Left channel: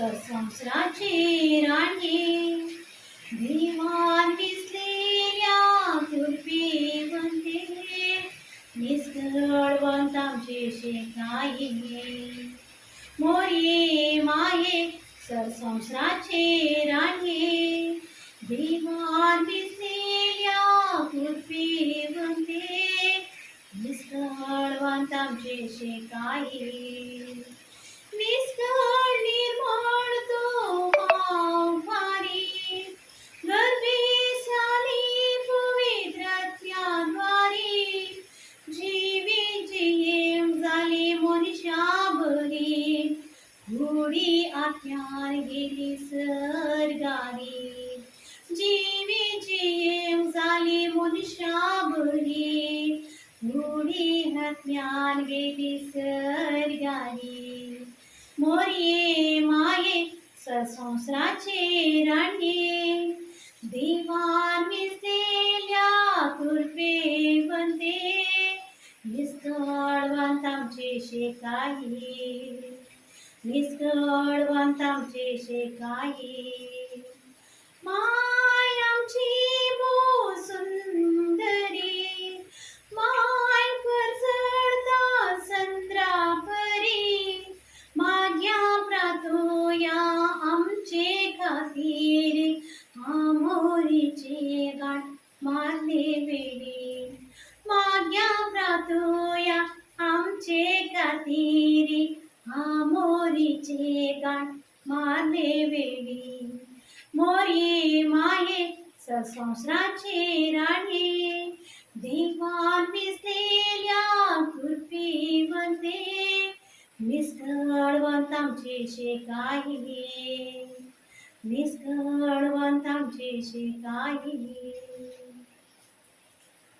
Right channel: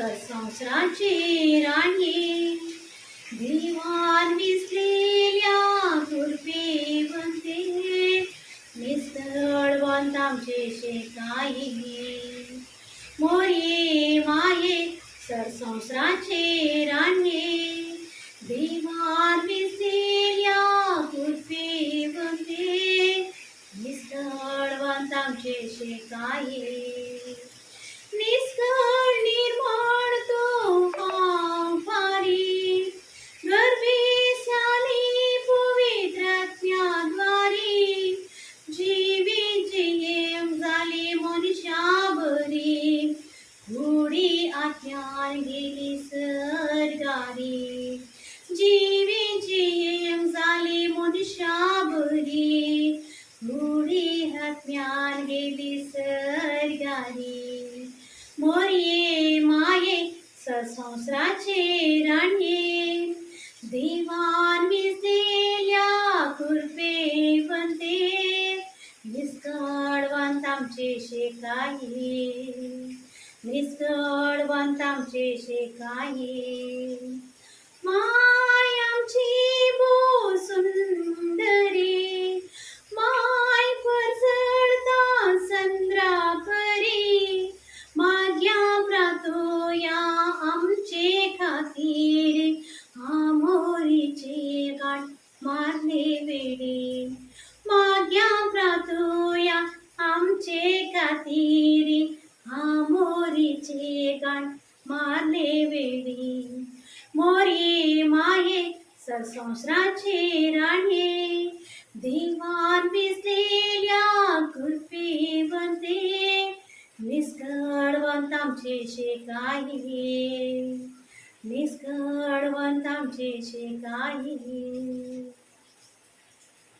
सरसंसाराची राणी दिवाण विसलेल्या कुरपी बनते निसळवंत आमचे शेकाई मोये माये सरसंसाराचे राणी दिवाण विसलेल्या कुरपी बनते निसळवंत आमचे शेकाई निष्कळ निर्माण तो भारी गर्भी शाली पवित्रत्वाद्वारी जीवी जेम झाली मनुष्या बरी थोडी आत्म्यान गेली सरगारी जीवी जेम झाली मनुष्या बरी थोडी आत्म्यान गेली सरगारी मोये माये सरसंसाराचे राणी दिवाण विसलेल्या कुरपे बनते निष्कळवंत आमचे शेकाई निष्कळवंत आमचे शेकाई माय आमची बो सुंदरी माय परसळता संद्रा परी माग्या प्रातोया आमचे खातीर आमोरीचे गाठ मारले वेडे माग्या प्रातोया आमचे खातीर आमोरीचे गाठ मारले वेडे मोरे माये सरसंसाराचे राणी दिवाण विसलेल्या कुरपी बनते निष्कळवंत आमचे शेकाई निष्कळवंत आमचे शेकाई